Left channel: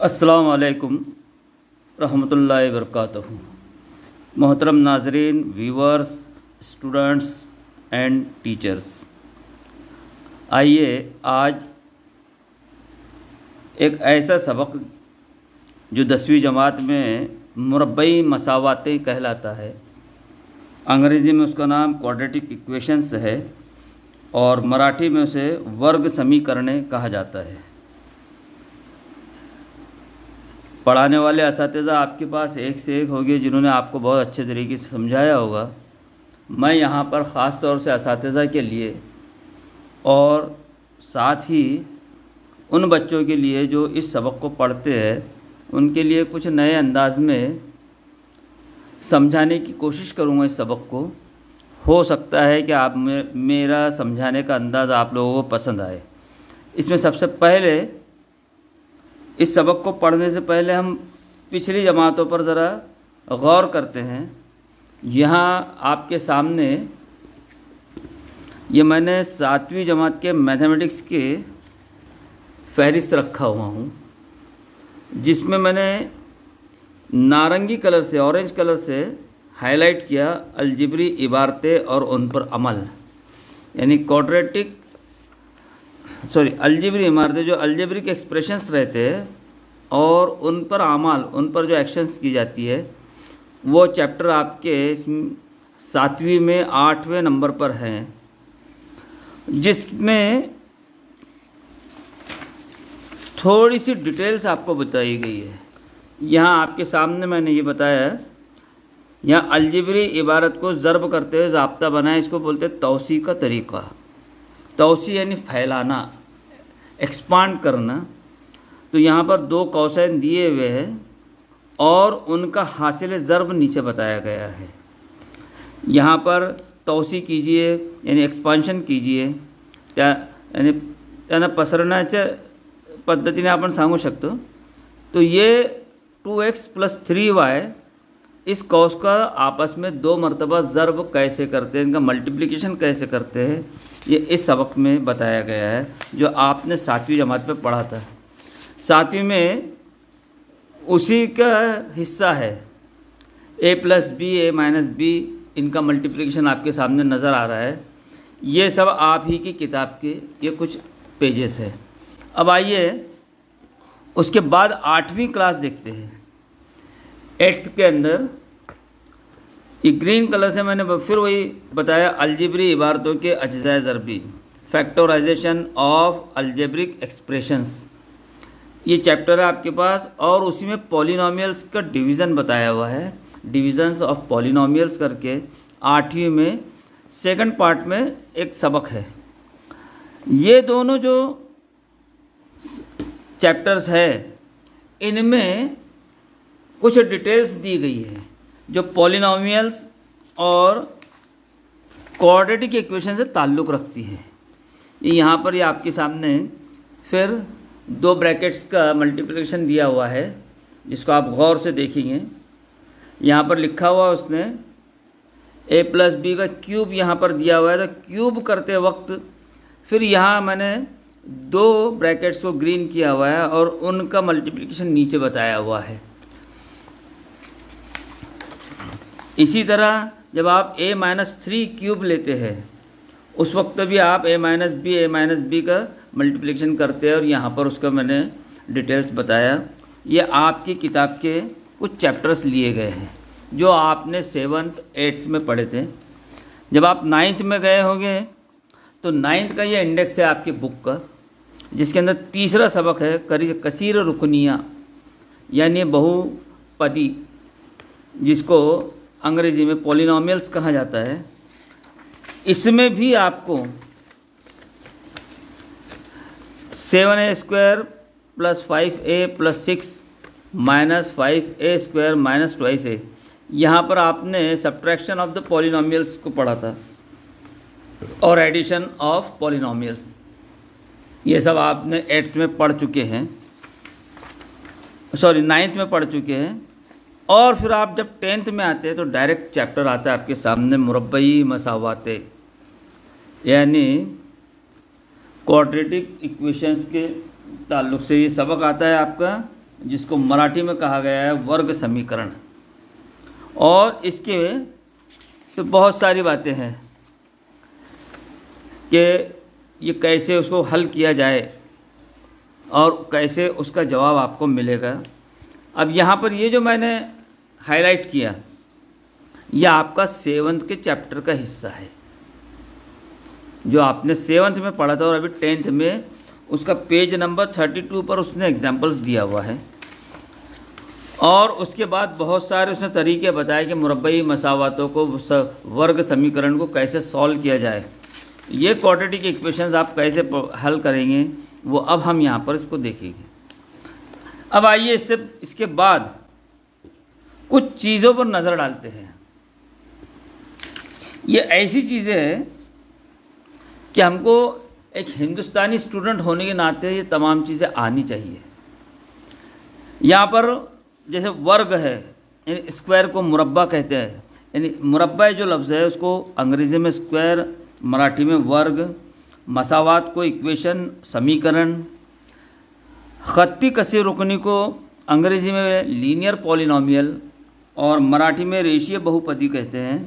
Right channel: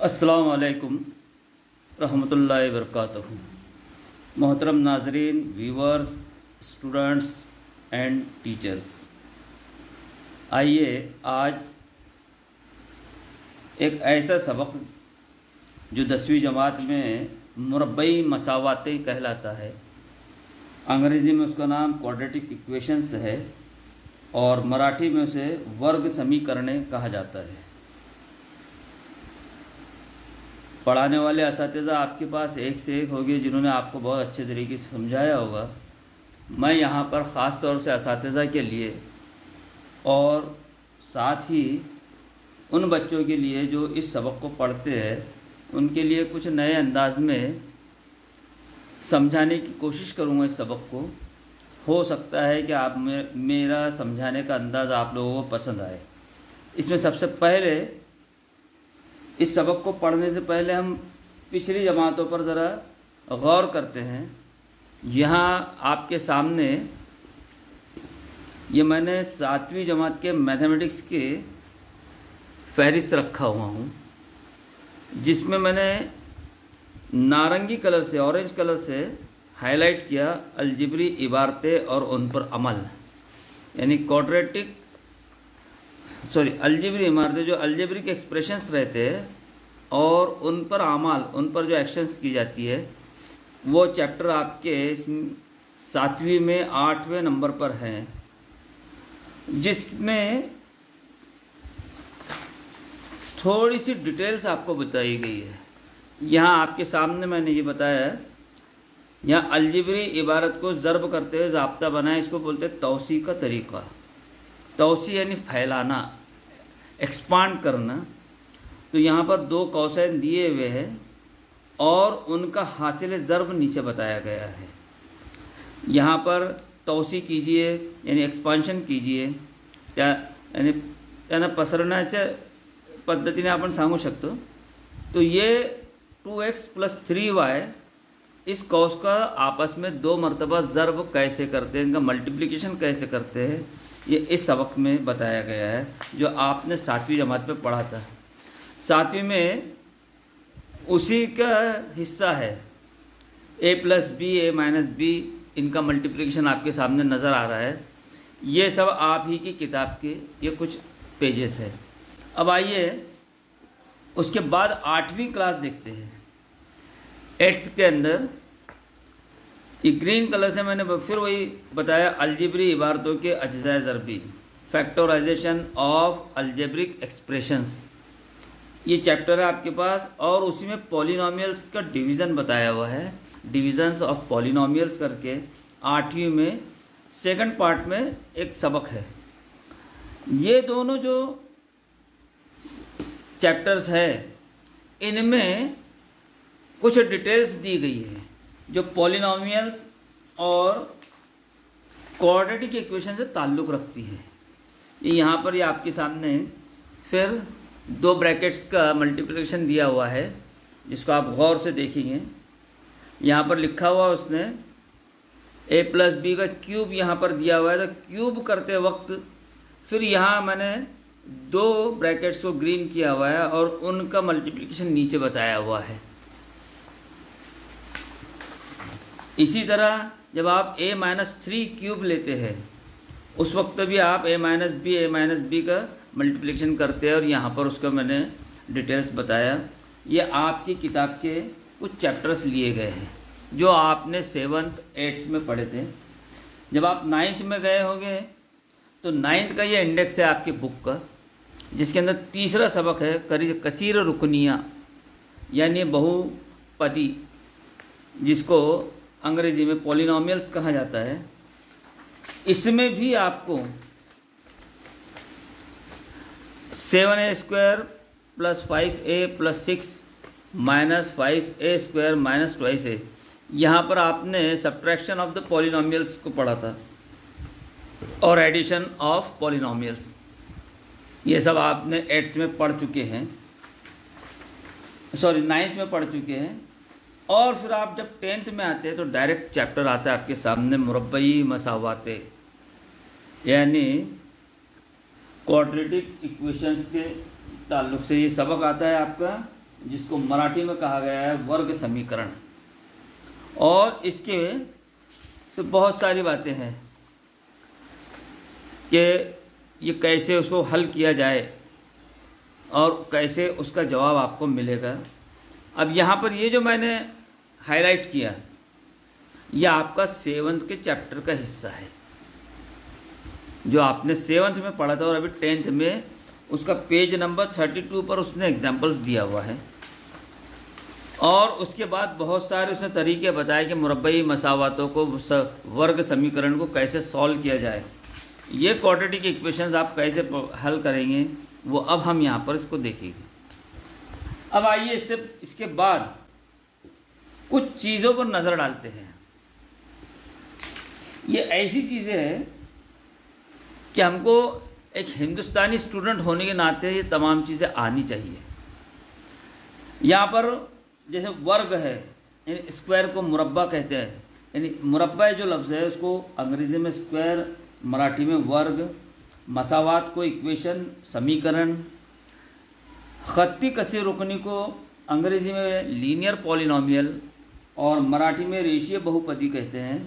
अस्सलाम वालेकुम रहमतुल्लाहि व बरकातहू। मोहतरम नाजरीन, व्यूवर्स, स्टूडेंट्स एंड टीचर्स, आइए आज एक ऐसा सबक जो 10वीं जमात में मुरब्बई मसावातें कहलाता है, अंग्रेज़ी में उसका नाम क्वाड्रेटिक इक्वेशंस है और मराठी में उसे वर्ग समीकरणें कहा जाता है। पढ़ाने वाले असातिज़ा आपके पास एक से एक होंगे जिन्होंने आपको बहुत अच्छे तरीके से समझाया होगा। मैं यहाँ पर ख़ास तौर से असातिज़ा के लिए और साथ ही उन बच्चों के लिए जो इस सबक को पढ़ते हैं उनके लिए कुछ नए अंदाज में समझाने की कोशिश करूँगा इस सबक को। हो सकता है कि आप मेरा समझाने का अंदाज़ आप लोगों को पसंद आए। इसमें सबसे पहले इस सबक को पढ़ने से पहले हम पिछली जमातों पर ज़रा गौर करते हैं। यहाँ आपके सामने ये मैंने 7वीं जमात के मैथमेटिक्स के फहरिस्त रखा हुआ हूँ, जिसमें मैंने नारंगी कलर से, ऑरेंज कलर से हाईलाइट किया अलजेब्री इबारतें और उन पर अमल, यानी अलजेब्री इमारतें जो अलजेब्रिक एक्सप्रेशंस रहते हैं और उन पर अमल, उन पर जो एक्शंस की जाती है, वो चैप्टर आपके 7वीं में 8वें नंबर पर हैं, जिसमें थोड़ी सी डिटेल्स आपको बताई गई है। यहाँ आपके सामने मैंने ये बताया है, यहाँ अलजेब्री इबारत को ज़र्ब करते हुए ज़ाब्ता बनाए, इसको बोलते हैं तौसी का तरीक़ा। तौसी यानी फैलाना, एक्सपांड करना। तो यहाँ पर 2 कौसैन दिए हुए हैं और उनका हासिल ज़र्ब नीचे बताया गया है। यहाँ पर तौसी कीजिए यानी एक्सपांशन कीजिए, यानी त्यांना पसरण्याच्या पद्धतीने आपण सांगू शकतो। तो ये 2x + 3y इस कौस का आपस में 2 मरतबा ज़र्ब कैसे करते हैं, इनका मल्टीप्लिकेशन कैसे करते हैं, ये इस सबक में बताया गया है जो आपने 7वीं जमात में पढ़ा था। 7वीं में उसी का हिस्सा है a + b, a - b, इनका मल्टीप्लिकेशन आपके सामने नज़र आ रहा है। ये सब आप ही की किताब के ये कुछ पेजेस है। अब आइए उसके बाद 8वीं क्लास देखते हैं। 8th के अंदर ये ग्रीन कलर से मैंने फिर वही बताया अलजेब्री इबारतों के अज्जाए ज़रबी, फैक्टराइजेशन ऑफ अलजेब्रिक एक्सप्रेशंस, ये चैप्टर है आपके पास। और उसी में पॉलिनोमियल्स का डिवीज़न बताया हुआ है, डिविजन्स ऑफ पॉलिनोमियल्स करके 8वीं में सेकंड पार्ट में एक सबक है। ये दोनों जो चैप्टर्स है इनमें कुछ डिटेल्स दी गई है जो पॉलिनोमियल्स और क्वाड्रेटिक इक्वेशन से ताल्लुक़ रखती है। ये यहाँ पर ये आपके सामने फिर 2 ब्रैकेट्स का मल्टीप्लिकेशन दिया हुआ है, जिसको आप गौर से देखेंगे। यहाँ पर लिखा हुआ उसने a + b का क्यूब यहाँ पर दिया हुआ है। तो क्यूब करते वक्त फिर यहाँ मैंने 2 ब्रैकेट्स को ग्रीन किया हुआ है और उनका मल्टीप्लिकेशन नीचे बताया हुआ है। इसी तरह जब आप a - 3 क्यूब लेते हैं उस वक्त भी आप a - b का मल्टीप्लिकेशन करते हैं और यहाँ पर उसका मैंने डिटेल्स बताया। ये आपकी किताब के कुछ चैप्टर्स लिए गए हैं जो आपने 7th 8th में पढ़े थे। जब आप 9th में गए होंगे तो 9th का ये इंडेक्स है आपकी बुक का, जिसके अंदर तीसरा सबक है कसीर रुकनिया यानी बहुपदी, जिसको अंग्रेज़ी में पॉलिनोमियल्स कहा जाता है। इसमें भी आपको 7a² + 5a + 6 - 5a² - 2a, यहाँ पर आपने सब्ट्रैक्शन ऑफ द पॉलिनोमियल्स को पढ़ा था और एडिशन ऑफ पॉलिनोमियल्स। ये सब आपने 8th में पढ़ चुके हैं, 9th में पढ़ चुके हैं। और फिर आप जब 10th में आते हैं तो डायरेक्ट चैप्टर आता है आपके सामने मुरब्बई मसावातें, यानी क्वाड्रेटिक इक्वेशंस के ताल्लुक़ से ये सबक आता है आपका जिसको मराठी में कहा गया है वर्ग समीकरण। और इसके तो बहुत सारी बातें हैं कि ये कैसे उसको हल किया जाए और कैसे उसका जवाब आपको मिलेगा। अब यहाँ पर ये जो मैंने हाईलाइट किया, ये आपका 7th के चैप्टर का हिस्सा है, जो आपने 7th में पढ़ा था और अभी 10th में उसका पेज नंबर 32 पर उसने एग्जाम्पल्स दिया हुआ है। और उसके बाद बहुत सारे उसने तरीके बताए कि मुरब्बई मसावातों को, वर्ग समीकरण को कैसे सॉल्व किया जाए, ये क्वाड्रेटिक इक्वेशंस आप कैसे हल करेंगे, वो अब हम यहाँ पर इसको देखेंगे। अब आइए इसके बाद कुछ चीज़ों पर नज़र डालते हैं। ये ऐसी चीज़ें हैं कि हमको एक हिंदुस्तानी स्टूडेंट होने के नाते ये तमाम चीज़ें आनी चाहिए। यहाँ पर जैसे वर्ग है, यानी स्क्वायर को मुरब्बा कहते हैं, यानी मुरब्बा जो लफ्ज़ है उसको अंग्रेज़ी में स्क्वायर, मराठी में वर्ग, मसावात को इक्वेशन समीकरण, खत्ती कसी रुकनी को अंग्रेज़ी में लीनियर पॉलिनोमियल और मराठी में रेशीय बहुपदी कहते हैं।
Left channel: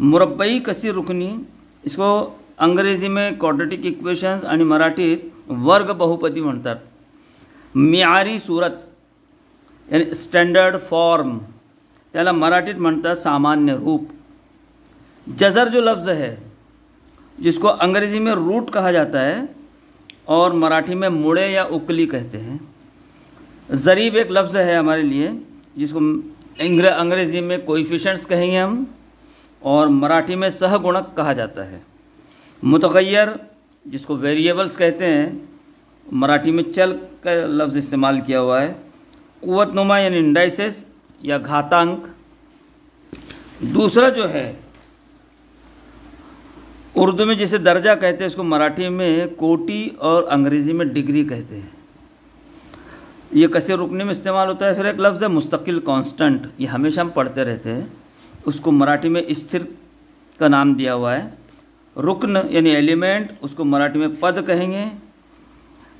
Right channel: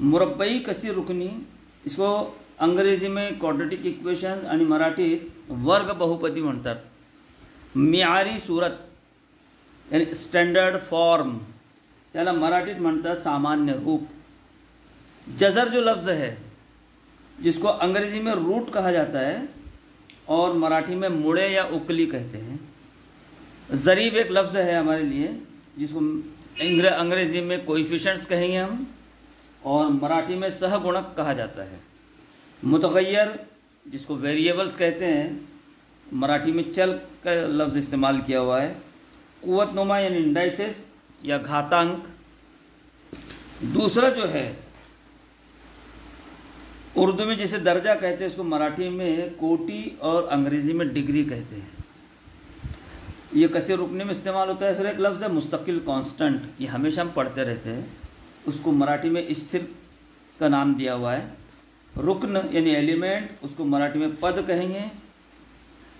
मुरब्बई कसी रुकनी इसको अंग्रेजी में क्वाड्रेटिक इक्वेशन्स आणि मराठीत वर्ग बहुपदी म्हणतात। मियारी सूरत यानी स्टैंडर्ड फॉर्म त्याला मराठीत म्हणतात सामान्य रूप। जज़र जो लफ्ज़ है जिसको अंग्रेजी में रूट कहा जाता है और मराठी में मुड़े या उकली कहते हैं। ज़रीब एक लफ्ज़ है हमारे लिए जिसको अंग्रेजी में कोएफिशिएंट्स कहेंगे हम, और मराठी में सहगुणक कहा जाता है। मुतगय्यर जिसको वेरिएबल्स कहते हैं, मराठी में चल का लफ्ज़ इस्तेमाल किया हुआ है। कुव्वतनुमा यानी इंडाइसेस या घातांक। दूसरा जो है उर्दू में जिसे दर्जा कहते हैं, इसको मराठी में कोटि और अंग्रेज़ी में डिग्री कहते हैं। ये कसे रुकने में इस्तेमाल होता है। फिर एक लफ्ज़ है मुस्तकिल कांस्टेंट, ये हमेशा हम पढ़ते रहते हैं, उसको मराठी में स्थिर का नाम दिया हुआ है। रुकन यानी एलिमेंट, उसको मराठी में पद कहेंगे।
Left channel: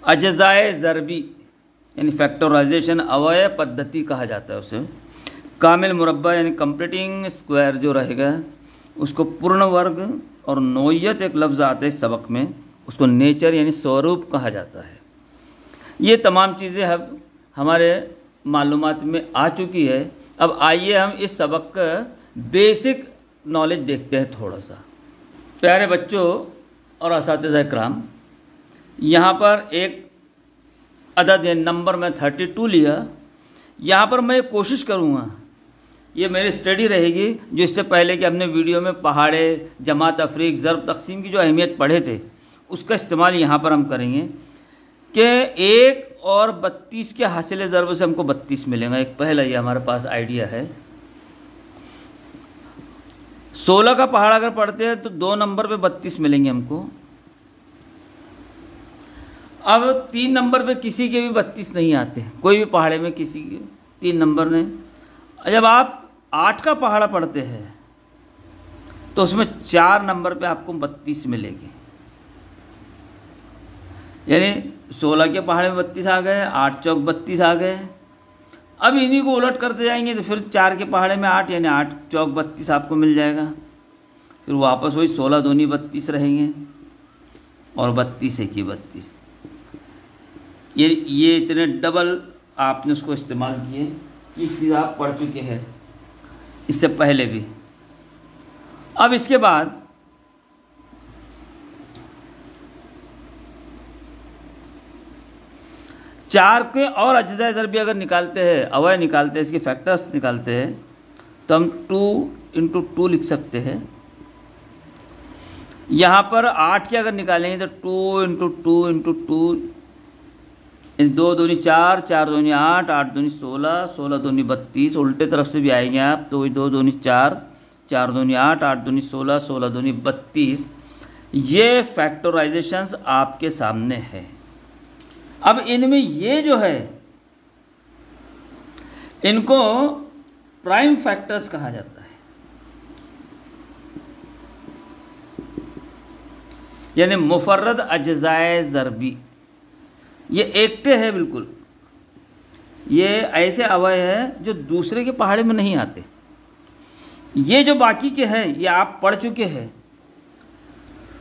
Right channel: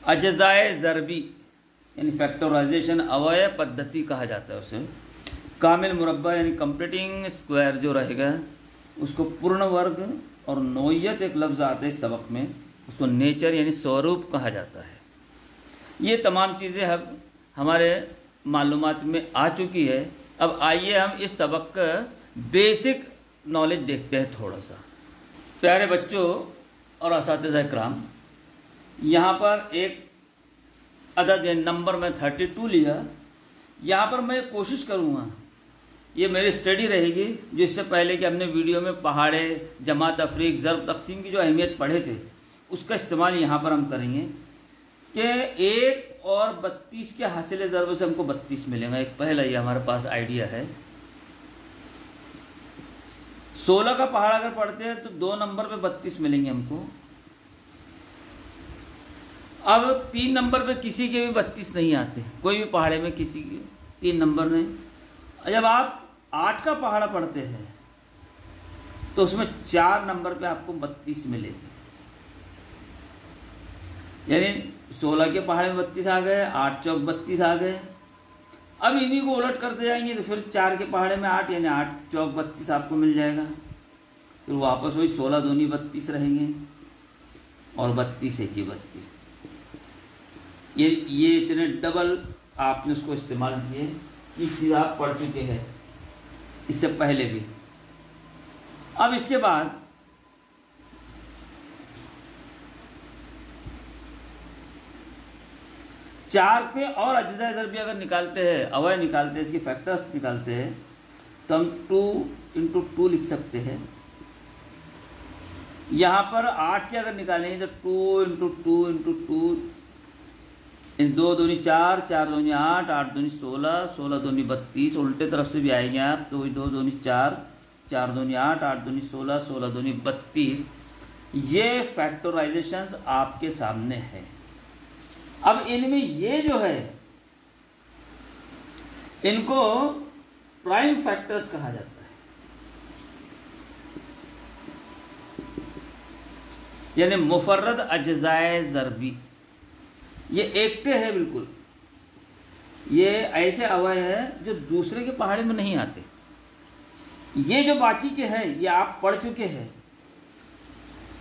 अजज़ाए ज़रबी यानी फैक्टराइजेशन अवयव पद्धति कहा जाता है उसे। कामिल मुरब्बा यानी कंप्लीटिंग स्क्वायर जो रहेगा उसको पूर्ण वर्ग, और नोयत एक लफ्ज़ आता है इस सबक में, उसको नेचर यानी स्वरूप कहा जाता है। ये तमाम चीज़ें अब हमारे मालूमात में आ चुकी है। अब आइए हम इस सबक का बेसिक नॉलेज देखते हैं थोड़ा सा। प्यारे बच्चों और असातिज़ा इकराम, यहाँ पर एक अदद या नंबर में 32 लिया। यहाँ पर मैं कोशिश करूँगा, ये मेरी स्टडी रहेगी, जो इससे पहले कि हमने वीडियो में पहाड़े, जमा, तफरीक, ज़र्ब, तक़सीम की जो अहमियत पढ़े थे उसका इस्तेमाल यहाँ पर हम करेंगे कि 1 और 32 के हासिल ज़र्ब से हमको 32 मिलेगा। एक पहला ये हमारे पास आइडिया है। 16 का पहाड़ अगर पढ़ते हैं तो 2 नंबर पे 32 मिलेंगे हमको। अब 3 नंबर पे किसी के भी 32 नहीं आते, कोई भी पहाड़े में किसी के 3 नंबर नहीं। जब आप 8 का पहाड़ा पढ़ते हैं तो उसमें 4 नंबर पे आपको 32 मिलेगी। यानी 16 के पहाड़े में 32 आ गए, 8 चौक 32 आ गए। अब इन्हीं को उलट करते जाएंगे तो फिर 4 के पहाड़े में 8 यानी 8 चौक 32 आपको मिल जाएगा। फिर वापस वही 16 दूनी 32 रहेंगे और 32 एक ही 32। ये इतने डबल आपने उसको इस्तेमाल किए। ये चीज़ आप पढ़ चुके हैं इससे पहले भी। अब इसके बाद चार के और अज्जा ज़रबी अगर निकालते हैं, अवयव निकालते हैं, इसके फैक्टर्स निकालते हैं, तो हम 2 × 2 लिख सकते हैं। यहाँ पर 8 के अगर निकालेंगे तो 2 × 2 × 2, 2 दूनी 4, 4 दूनी 8, 8 दूनी 16, 16 दूनी 32। उल्टे तरफ से भी आएंगे आप तो 2 दूनी 4, 4 दूनी 8, 8 दूनी 16, 16 दूनी 32। ये फैक्टराइजेशंस आपके सामने है। अब इनमें ये जो है इनको प्राइम फैक्टर्स कहा जाता है, यानी मुफर्रद अज्जाए ज़रबी। ये एकटे है बिल्कुल, ये ऐसे अवयव है जो दूसरे के पहाड़े में नहीं आते। ये जो बाकी के हैं ये आप पढ़ चुके हैं।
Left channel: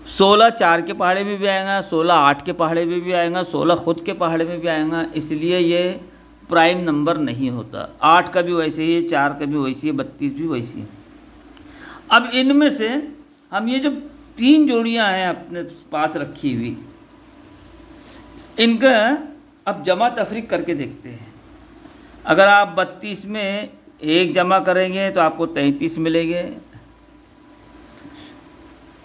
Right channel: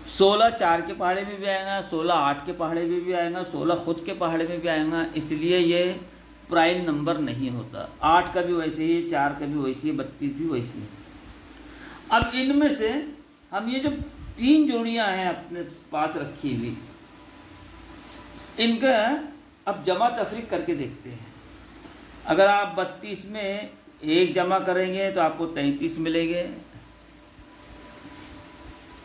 16 4 के पहाड़े में भी आएगा, 16 8 के पहाड़े में भी आएगा, 16 खुद के पहाड़े में भी आएगा, इसलिए ये प्राइम नंबर नहीं होता। 8 का भी वैसे ही है, 4 का भी वैसे ही, 32 भी वैसी है। अब इनमें से हम ये जो 3 जोड़ियां हैं अपने पास रखी हुई, इनका अब जमा तफरीक करके देखते हैं। अगर आप 32 में 1 जमा करेंगे तो आपको 33 मिलेंगे।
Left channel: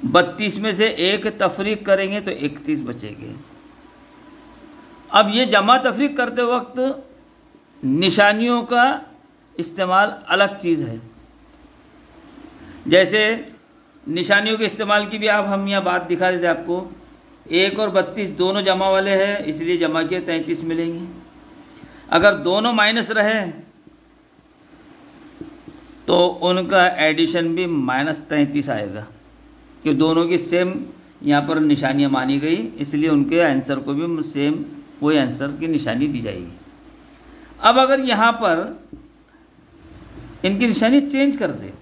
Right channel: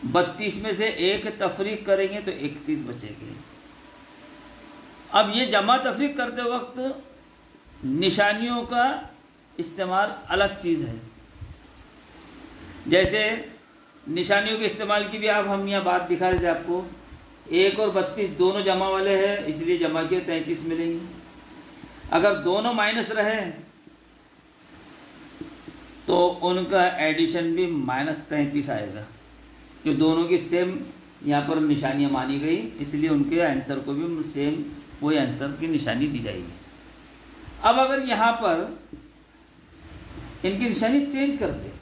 32 में से 1 तफरीक करेंगे तो 31 बचेंगे। अब ये जमा तफरीक करते वक्त निशानियों का इस्तेमाल अलग चीज़ है। जैसे निशानियों के इस्तेमाल की भी आप हम यहाँ बात दिखा देते आपको। 1 और 32 दोनों जमा वाले हैं, इसलिए जमा किए 33 मिलेंगे। अगर दोनों माइनस रहे तो उनका एडिशन भी -33 आएगा, कि दोनों की सेम यहाँ पर निशानियाँ मानी गई, इसलिए उनके आंसर को भी सेम वही आंसर की निशानी दी जाएगी। अब अगर यहाँ पर इनकी निशानी चेंज कर दे,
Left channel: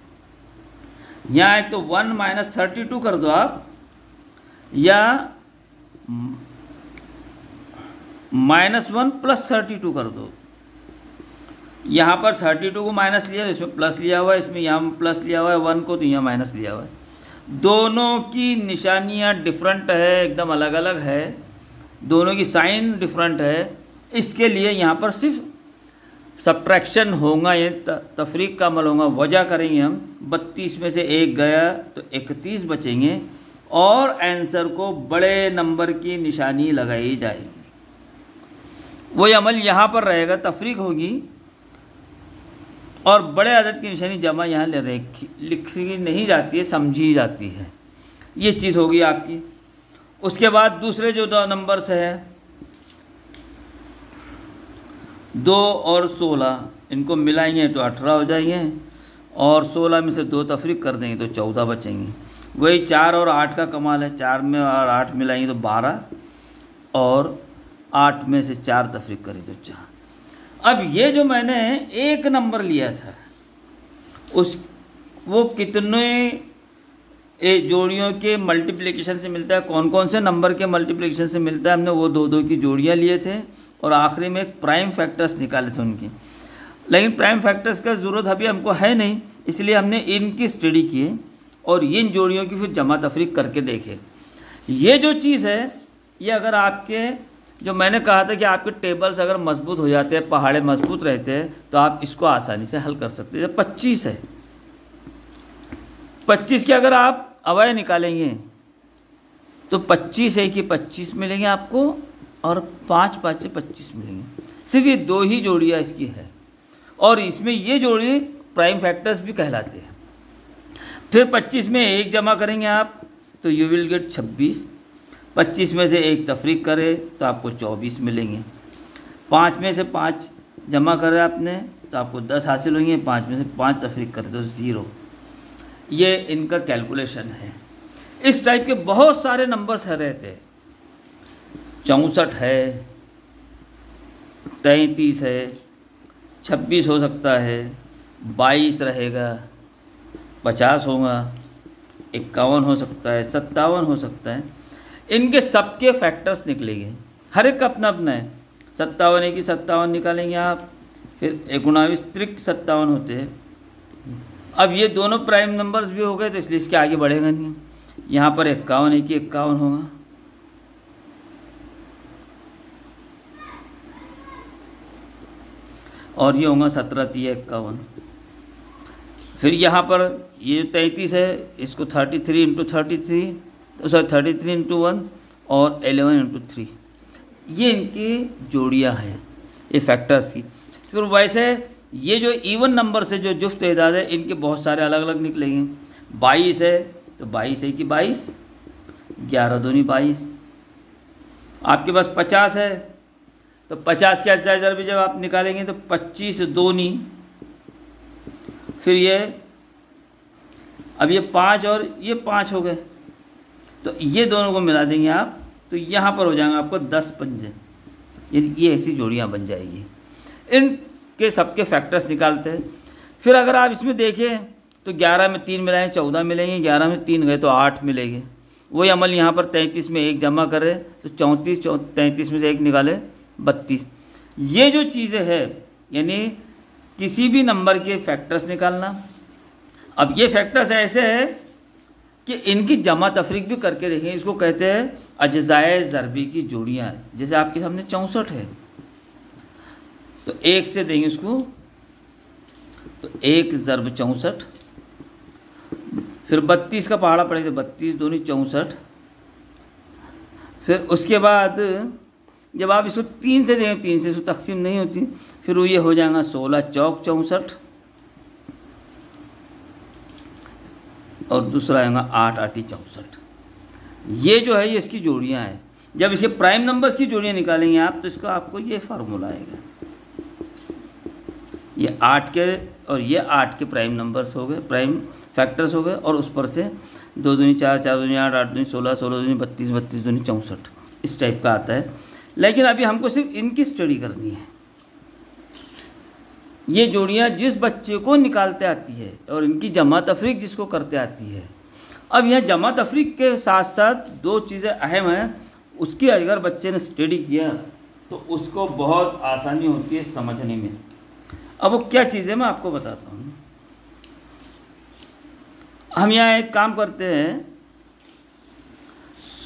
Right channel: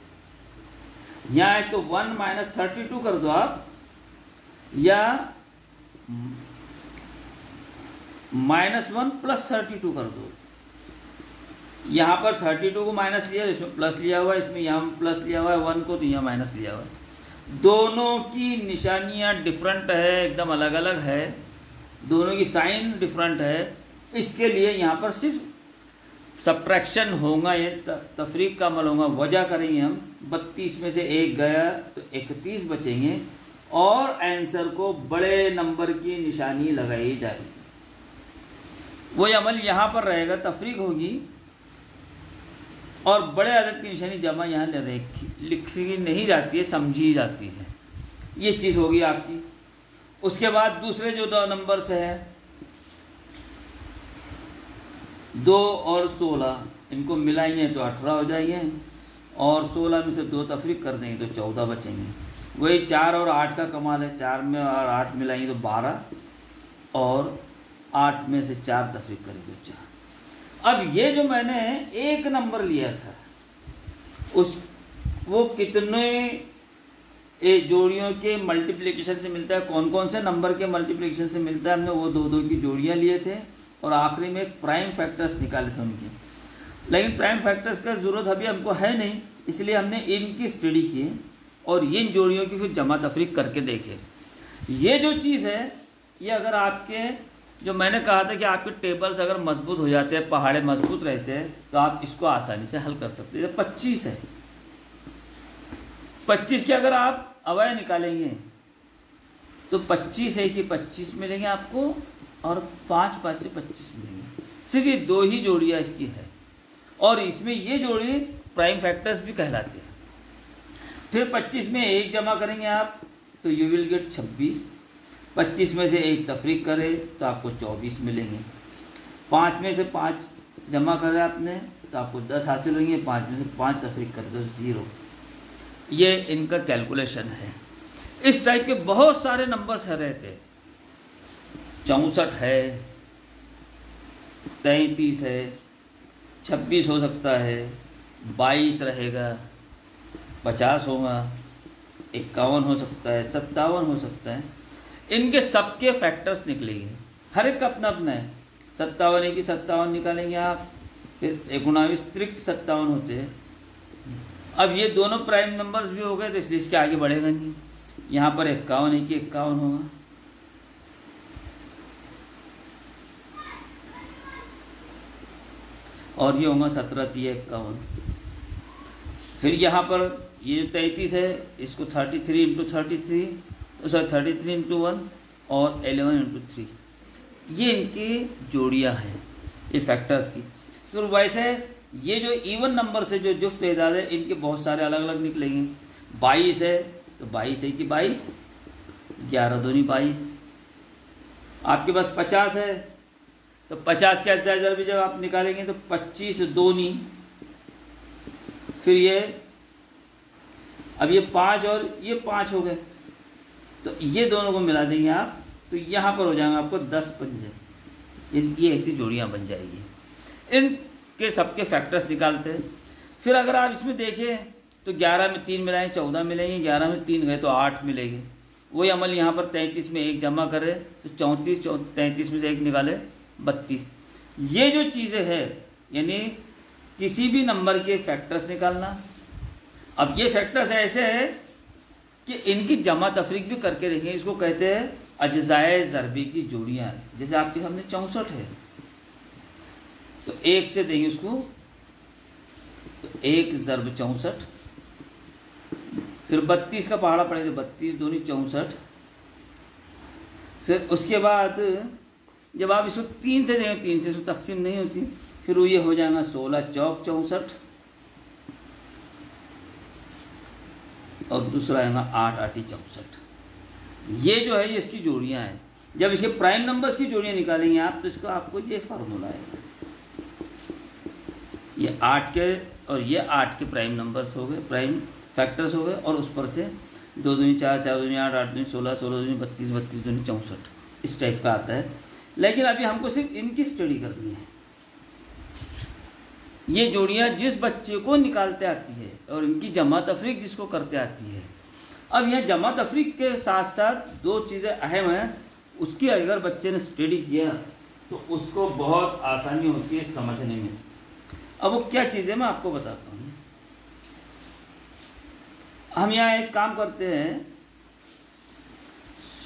यहाँ एक तो 1 - 32 कर दो आप, या -1 + 32 कर दो। यहाँ पर 32 को माइनस लिया, इसमें प्लस लिया हुआ है, इसमें यहाँ प्लस लिया हुआ है 1 को, तो यहाँ माइनस लिया हुआ है। दोनों की निशानियाँ डिफरेंट है, एकदम अलग अलग है, दोनों की साइन डिफरेंट है। इसके लिए यहाँ पर सिर्फ सब्ट्रैक्शन होगा, ये तफरीक का अमल होगा। वजह करेंगे हम, 32 में से 1 गया तो 31 बचेंगे, और आंसर को बड़े नंबर की निशानी लगाई जाएगी। वही अमल यहाँ पर रहेगा, तफरीक होगी और बड़े अदद की निशानी जमा यहाँ लिखी नहीं जाती है, समझी जाती है। ये चीज़ होगी आपकी। उसके बाद दूसरे जो 2 नंबर्स है 2 और 16, इनको मिलाएंगे तो 18 हो जाएंगे, और 16 में से 2 तफरीक कर देंगे तो 14 बचेंगे। वही 4 और 8 का कमाल है, 4 में और 8 मिलाएंगे तो 12, और 8 में से 4 तफरीक करें तो 4। अब ये जो मैंने 1 नंबर लिया था वो कितने जोड़ियों के मल्टीप्लिकेशन से मिलता है, कौन कौन से नंबर के मल्टीप्लिकेशन से मिलता है, हमने वो 2 की जोड़ियाँ लिए थे, और आखिरी में एक प्राइम फैक्टर्स निकाले थे उनकी। लेकिन प्राइम फैक्टर्स का ज़रूरत अभी हमको है नहीं, इसलिए हमने इनकी स्टडी की और इन जोड़ियों की फिर जमा तफरीक करके देखे। ये जो चीज़ है, ये अगर आपके, जो मैंने कहा था कि आपके टेबल्स अगर मजबूत हो जाते हैं, पहाड़े मजबूत रहते हैं, तो आप इसको आसानी से हल कर सकते हैं। 25 है, 25 के अगर आप अवयव निकालेंगे तो 25 है कि 25 मिलेंगे आपको, और 5 5 से 25 मिलेंगे। सिर्फ ये 2 ही जोड़ियाँ इसकी है, और इसमें ये जोड़ी प्राइम फैक्टर्स भी कहलाते हैं। फिर 25 में 1 जमा करेंगे आप तो यू विल गेट 26। 25 में से 1 तफरीक करे तो आपको 24 मिलेंगे। 5 में से 5 जमा करे आपने तो आपको 10 हासिल होंगे। 5 में से 5 तफरीक करे तो 0। ये इनका कैलकुलेशन है। इस टाइप के बहुत सारे नंबर्स है रहते। 64 है, 33 है, 26 हो सकता है, 22 रहेगा, 50 होगा, 51 हो सकता है, 57 हो सकता है। इनके सबके फैक्टर्स निकलेंगे, हर एक का अपना अपना है। 57 है कि 57 निकालेंगे आप, फिर 19 त्रिक 57 होते हैं। अब ये दोनों प्राइम नंबर्स भी हो गए तो इसलिए इसके आगे बढ़ेगा नहीं। यहाँ पर 51 है कि 51 होगा, और ये होगा 17 3 51। फिर यहाँ पर ये 33 है, इसको 33 × 33, सॉरी 33 × 1 और 11 × 3, ये इनकी जोड़ियाँ हैं, ये फैक्टर्स की। फिर वैसे ये जो इवन नंबर से जो जुफ्त एजाज है, इनके बहुत सारे अलग अलग निकलेंगे। 22 है तो 22 है कि 22, 11 दूनी 22। आपके पास 50 है तो 50 के एजाज भी जब आप निकालेंगे तो 25 दूनी, फिर ये अब ये 5 और ये 5 हो गए, तो ये दोनों को मिला देंगे आप, तो यहाँ पर हो जाएगा आपको 10 पंजे। ये ऐसी जोड़ियाँ बन जाएगी। इनके सबके फैक्टर्स निकालते हैं। फिर अगर आप इसमें देखें तो 11 में 3 मिलाएं 14 मिलेंगे, 11 में 3 गए तो 8 मिलेंगे। वही अमल यहाँ पर 33 में 1 जमा करें तो 34, 33 में से 1 निकाले 32। ये जो चीज़ें है यानी किसी भी नंबर के फैक्टर्स निकालना। अब ये फैक्टर्स ऐसे है कि इनकी जमा तफरीक भी करके देखें। इसको कहते हैं अज्जाए ज़रबी की जोड़ियाँ। जैसे आपके सामने 64 है तो 1 से देंगे उसको, तो 1 ज़रब 64। फिर 32 का पहाड़ा पड़ेगा, 32 दूनी 64। फिर उसके बाद जब आप इसको 3 से देंगे, 3 से इसको तकसीम नहीं होती, फिर वो ये हो जाएगा 16 चौक 64 और दूसरा आएगा 8 8 64। ये जो है ये इसकी जोड़ियाँ हैं। जब इसके प्राइम नंबर्स की जोड़ियाँ निकालेंगे आप तो इसका आपको ये फार्मूला आएगा। ये 8 के और ये 8 के प्राइम नंबर्स हो गए, प्राइम फैक्टर्स हो गए, और उस पर से 2 दूनी 4, 4 दूनी 8, 8 दूनी 16, 16 दूनी 32, 32 दूनी 64, इस टाइप का आता है। लेकिन अभी हमको सिर्फ इनकी स्टडी करनी है। ये जोड़ियाँ जिस बच्चे को निकालते आती है और इनकी जमा तफरीक जिसको करते आती है। अब यह जमा तफरीक के साथ साथ 2 चीज़ें अहम हैं, उसकी अगर बच्चे ने स्टडी किया तो उसको बहुत आसानी होती है समझने में। अब वो क्या चीज़ है मैं आपको बताता हूँ। हम यहाँ एक काम करते हैं,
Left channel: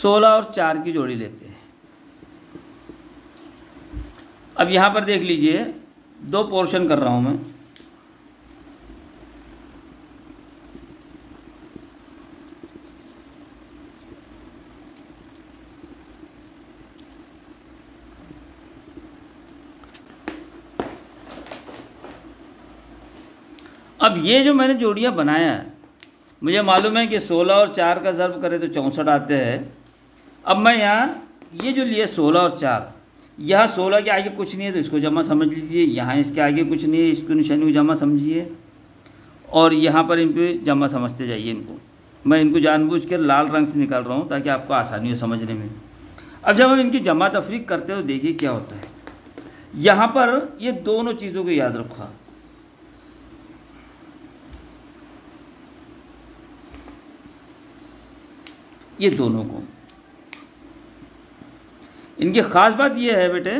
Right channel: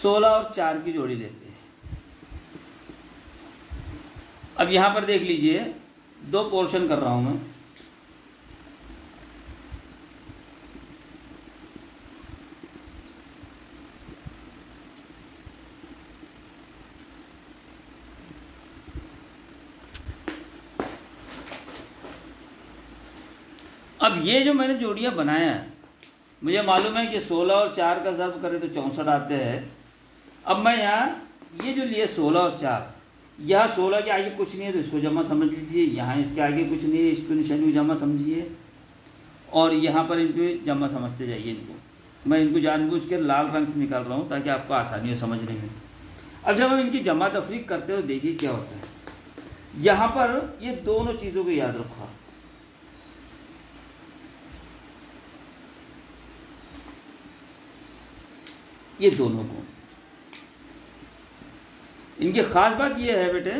16 और 4 की जोड़ी लेते हैं। अब यहाँ पर देख लीजिए 2 पोर्शन कर रहा हूँ मैं। अब ये जो मैंने जोड़ियाँ बनाया है, मुझे मालूम है कि 16 और 4 का ज़र्ब करें तो 64 आते हैं। अब मैं यहाँ ये जो लिए 16 और 4, यहाँ 16 के आगे कुछ नहीं है तो इसको जमा समझ लीजिए, यहाँ इसके आगे कुछ नहीं है इसको निशानी को जमा समझिए, और यहाँ पर इनको जमा समझते जाइए। इनको मैं इनको जानबूझ के लाल रंग से निकाल रहा हूँ ताकि आपको आसानी हो समझने में। अब जब हम इनकी जमा तफरीक करते हो देखिए क्या होता है। यहाँ पर ये दोनों चीज़ों को याद रखो। ये दोनों को, इनकी खास बात ये है बेटे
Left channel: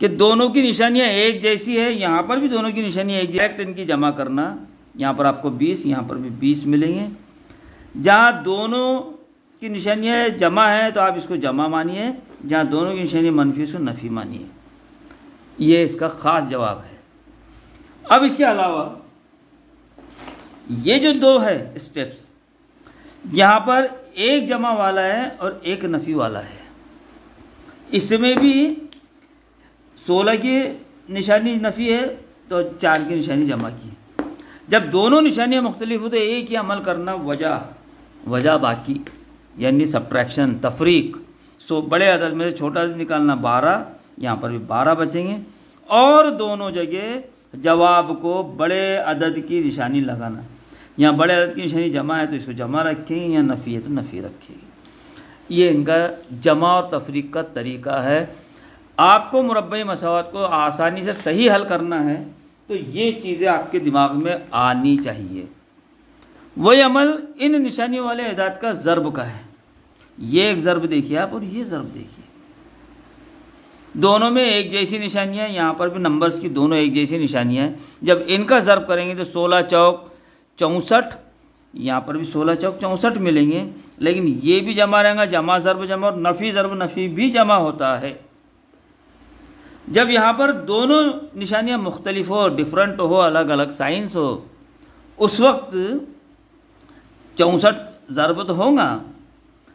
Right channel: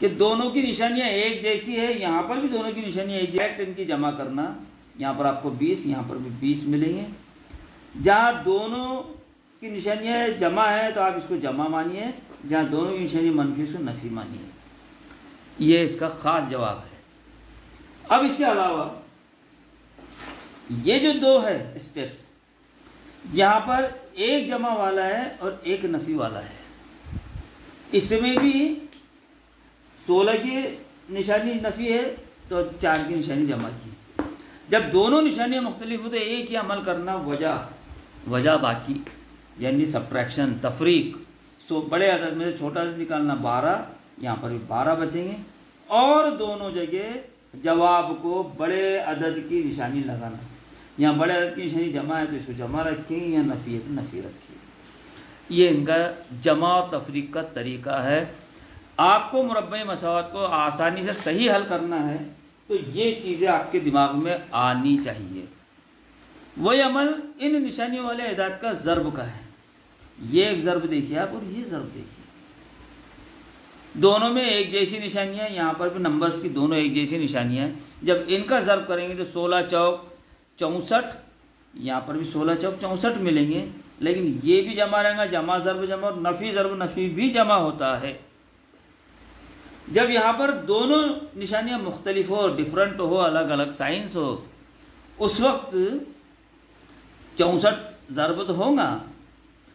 कि दोनों की निशानियां एक जैसी है। यहाँ पर भी दोनों की निशानियां एक जैसी, इनकी जमा करना। यहाँ पर आपको 20, यहाँ पर भी 20 मिलेंगे। जहाँ दोनों की निशानियां जमा है तो आप इसको जमा मानिए, जहाँ दोनों की निशानियां मनफी उसको नफी मानिए। ये इसका खास जवाब है। अब इसके अलावा ये जो 2 है स्टेप्स, यहाँ पर एक जमा वाला है और एक नफी वाला है। इसमें भी 16 की निशानी नफी है तो 4 की निशानी जमा की। जब दोनों निशानियाँ मुख्तलिफ हो तो एक ही अमल करना, वजह बाकी, यानी सब्ट्रैक्शन तफरीक। बड़े अदद में से छोटा अदद निकालना 12, यहाँ पर भी 12 बचेंगे, और दोनों जगह जवाब को बड़े अदद की निशानी लगाना। यहाँ बड़े अदद की निशानी जमा है तो इसको जमा रखेंगे, या नफ़ी है तो नफ़ी रखेंगे। ये इनका जमा और तफरीक का तरीका है। आपको मुरब्बई मसावत को आसानी से सही हल करना है तो ये चीज़ें आपके दिमाग में आनी चाहिए। वही अमल इन निशानियों वाले एदाद का ज़र्ब का है। ये एक ज़र्ब देखिए आप और ये ज़र्ब देखिए, दोनों में एक जैसी निशानियाँ। यहाँ पर भी नंबर्स की दोनों एक जैसी निशानियाँ हैं। जब इनका ज़र्ब करेंगे तो 16 चौक 64, यहाँ पर भी 16 चौक 64 मिलेंगे। लेकिन ये भी जमा रहेगा, जमा ज़र्ब जमा, और नफ़ी ज़र्ब नफ़ी भी जमा होता है। जब यहाँ पर दोनों निशानियाँ मुख्तलिफ हो, डिफरेंट हो, अलग अलग साइंस हो, उस वक्त 64 ज़र्ब तो होगा,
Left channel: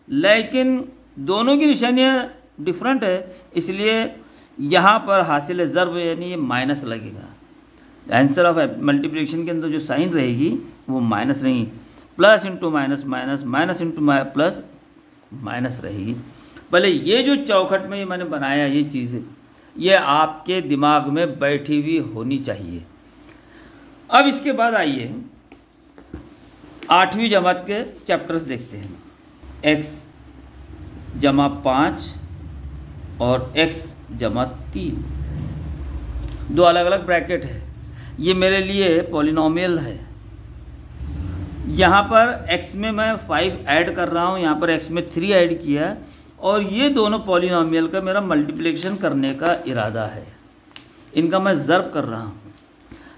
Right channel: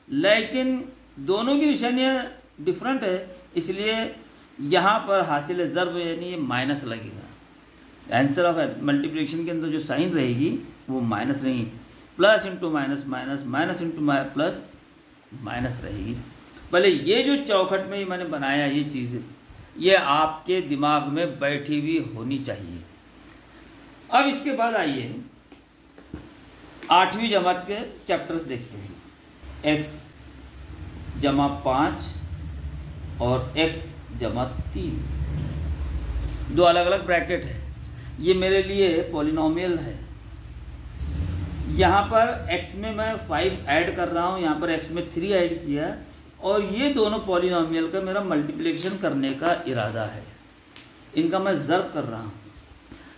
लेकिन दोनों की निशानियाँ डिफरेंट है, इसलिए यहाँ पर हासिल ज़र्ब यानी ये माइनस लगेगा। आंसर ऑफ मल्टीप्लिकेशन के अंदर जो साइन रहेगी वो माइनस नहीं, plus into minus minus, minus into plus minus रहेगी। भले ये जो चौखट में मैंने बनाया ये चीज़, ये आपके दिमाग में बैठी हुई होनी चाहिए। अब इसके बाद आइए 8वीं जमात के चैप्टर्स देखते हैं। x जमा 5 और x जमा 3। दो अलग अलग ब्रैकेट है। ये मेरे लिए पॉलिनोमियल है। यहाँ पर x में मैं 5 ऐड कर रहा हूँ, यहाँ पर x में 3 ऐड किया है, और ये दोनों पॉलिनोमियल का मेरा मल्टीप्लिकेशन करने का इरादा है। इनका मैं ज़र्ब कर रहा हूँ।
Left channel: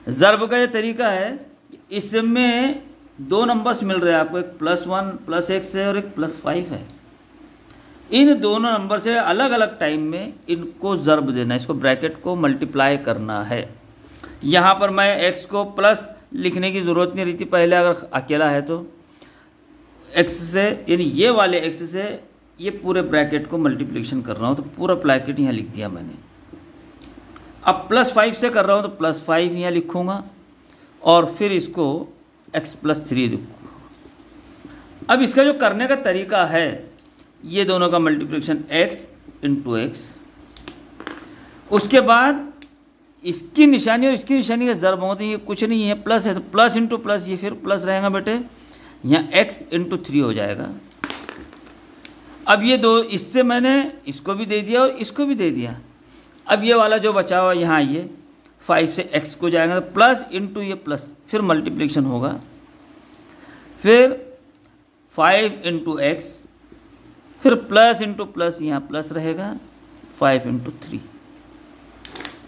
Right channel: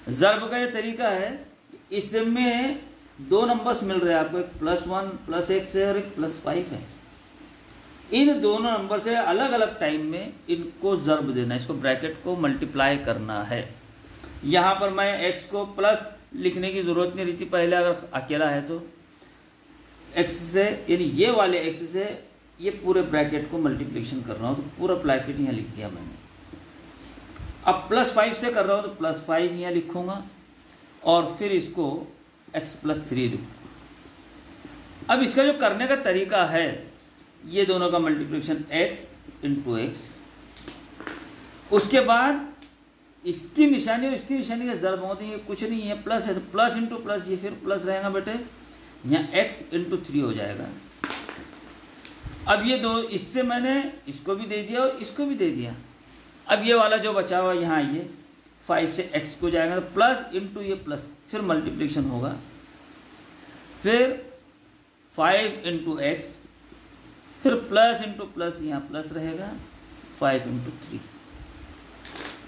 ज़र्ब का ये तरीका है, इसमें दो नंबर्स मिल रहे हैं आपको, एक +1 +x है और एक +5 है। इन दोनों नंबर से अलग अलग टाइम में इनको ज़र्ब देना, इसको ब्रैकेट को मल्टीप्लाई करना है। यहाँ पर मैं x को प्लस लिखने की ज़रूरत नहीं रही थी पहले, अगर अकेला है तो x से, यानी ये वाले x से ये पूरे ब्रैकेट को मल्टीप्लिकेशन कर रहा हूँ, तो पूरा ब्रैकेट यहाँ लिख दिया मैंने। अब +5 से कर रहा हूँ तो +5 यहाँ लिखूँगा और फिर इसको x +3 लिखूँगा। अब इसका जो करने का तरीका है, ये दोनों का मल्टीप्लिकेशन x × x, उसके बाद इसकी निशानी और इसकी निशानी का ज़र्ब होते हैं, ये कुछ नहीं है, प्लस है तो प्लस इंटू प्लस, ये फिर प्लस रहेगा बेटे, यहाँ x × 3 हो जाएगा। अब ये दो, इससे मैंने इसको भी दे दिया और इसको भी दे दिया। अब ये वाला जो बचा हुआ यहाँ, ये 5 से x को जाएगा तो प्लस इंटू ये प्लस, फिर मल्टीप्लिकेशन होगा, फिर 5 × x, फिर प्लस इंटू प्लस, यहाँ प्लस रहेगा, 5 × 3।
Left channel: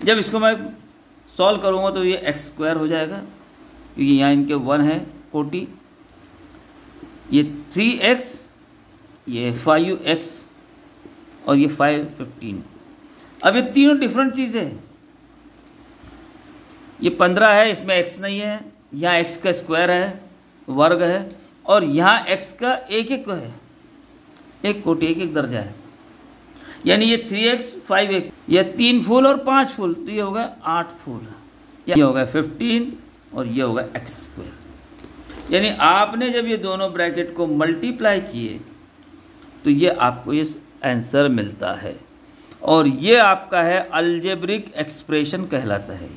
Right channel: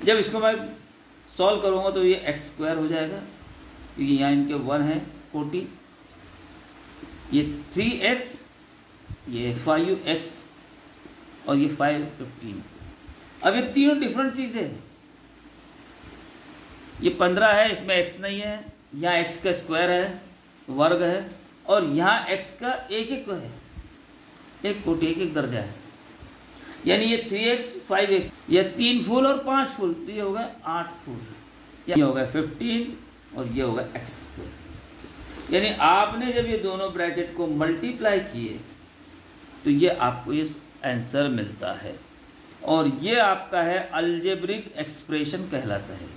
जब इसको मैं सॉल्व करूँगा तो ये x² हो जाएगा, क्योंकि यहाँ इनके 1 है कोटि, ये 3x, ये 5x और ये 515। अब ये तीनों डिफरेंट चीज़ें हैं। ये 15 है, इसमें x नहीं है, यहाँ x का स्क्वायर है, वर्ग है, और यहाँ x का एक है, एक कोटि, एक दर्जा है, यानी ये 3x 5x, ये 3 फूल और 5 फूल, तो ये होगा 8 फूल, ये होगा 15 और ये होगा x²। यानी आपने जब ये दोनों ब्रैकेट को मल्टीप्लाई किए तो ये आपको ये आंसर मिलता है, और ये आपका है अलजेब्रिक एक्सप्रेशन कहलाता है।